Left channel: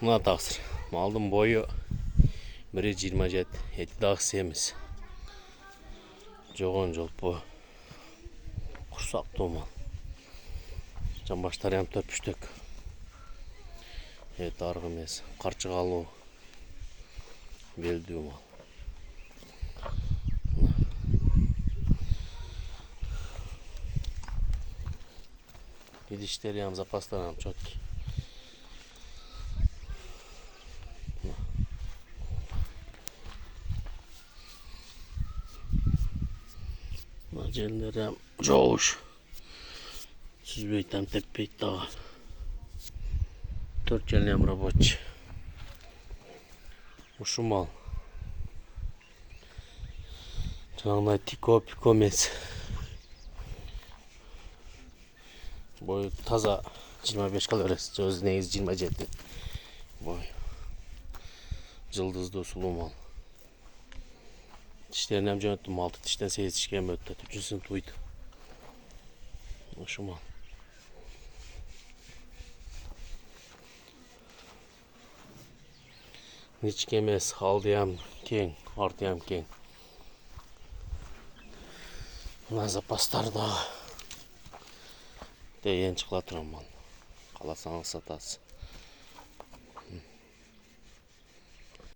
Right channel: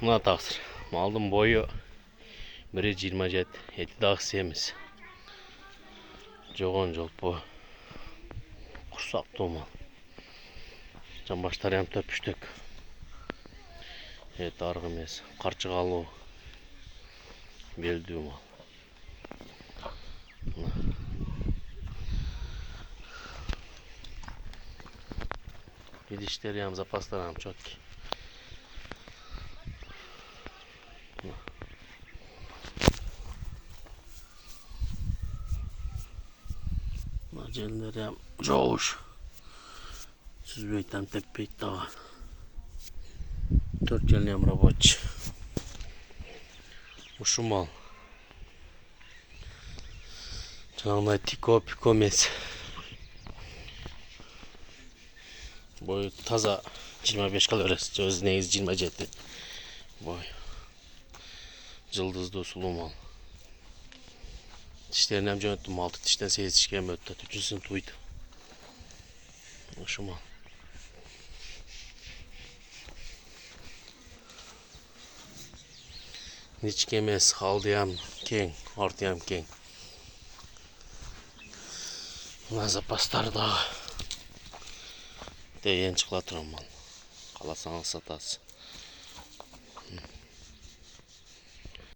Mına taqsir. Malдың boyu 1,27, eti dağı semiz. Жоғын жолпу. Құрсақ тома. Жамбаштар ям төпіштік. Evet, arғы емес. Қарчығалу. Белдүү мал. İdişleri ям запастар ям чёткий. Jelleri ям жоğuş. Süzbeytem tek pek dağı. 4 jelini ям рабочий. Uşu mal. Жаңағыдай тико пико емес. Boyu taza 25 kalorisi. Söz neyiz 27. Boy. Cıldızlı sulu mal. Dişlerini hem yönetim 6 dişten 8 dişke hem öttü. 3. sınıf uydu. Şu mal. Hiç emez. Aldıyam keng. Artıyam keng. Buna zapastar da. Deyen çıklatırım mal. Kalasanız satası.